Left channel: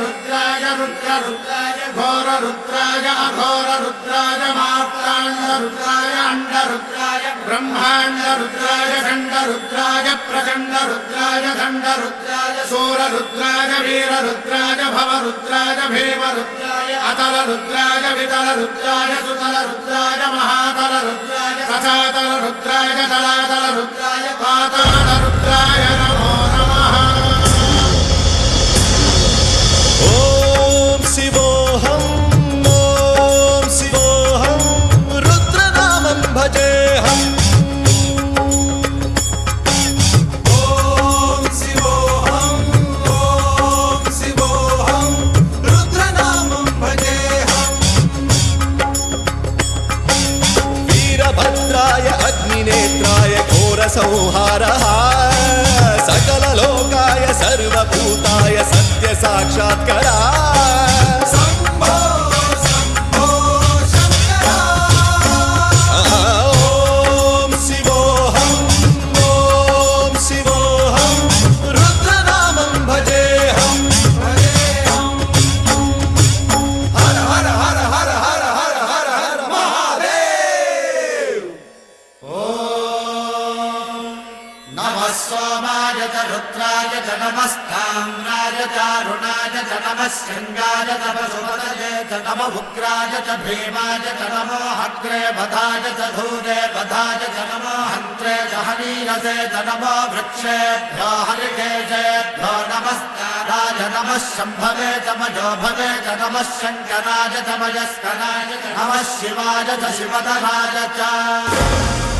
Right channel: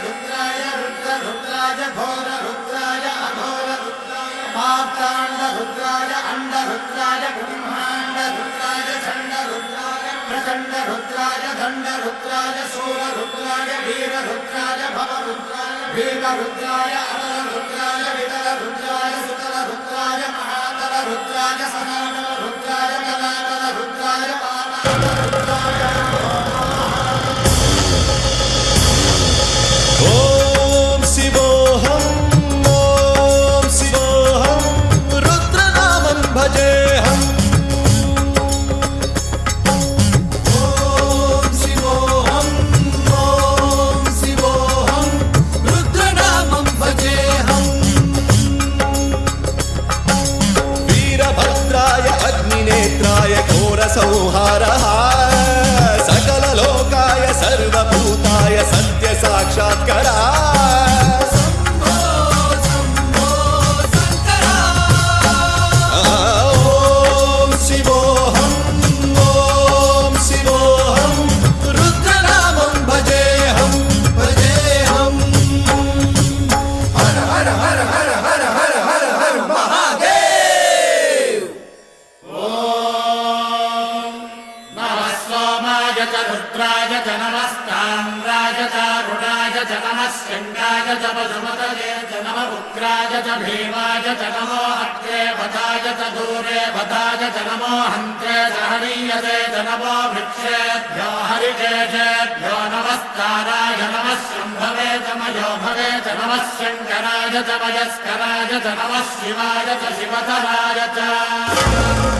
रुद्राय रुद्ररुद्राय घोररुद्राय अघोररुद्राय मात्राण्डरुद्राय अण्डरुद्राय ब्रह्माण्डरुद्राय खण्डरुद्राय प्रचण्डरुद्राय दण्डरुद्राय सूररुद्राय वीररुद्राय भवरुद्राय भीमरुद्राय अतलरुद्राय वितलरुद्राय सुतलरुद्राय महातलरुद्राय सचातलरुद्राय जलातलरुद्राय पातालरुद्राय नमो नमः। ॐ शिवोऽहं रुद्रनामं भजेऽहम्। वीरभद्राय अग्निनेत्राय घोरसंहारः सकललोकाय सर्वभूताय सत्यसाक्षात्करा। ॐ शिवोऽहं रुद्रनामं भजेऽहम्। हर हर हर हर हर हर हर हर महादेव। नमः सोमाय च रुद्राय च नमस्ताम्राय च अरुणाय च नमः शृङ्गाय च पशुपतये च नमः उग्राय च भीमाय च नमो अग्रे वधाय च धूरे वधाय च नमो हन्त्रे च हनीयसे च नमो वृक्षेभ्यो हरिकेशेभ्यो नमस्काराय नमः शम्भवे च मयोभवे च नमः शङ्कराय च मयस्कराय च नमः शिवाय च शिवधराय च।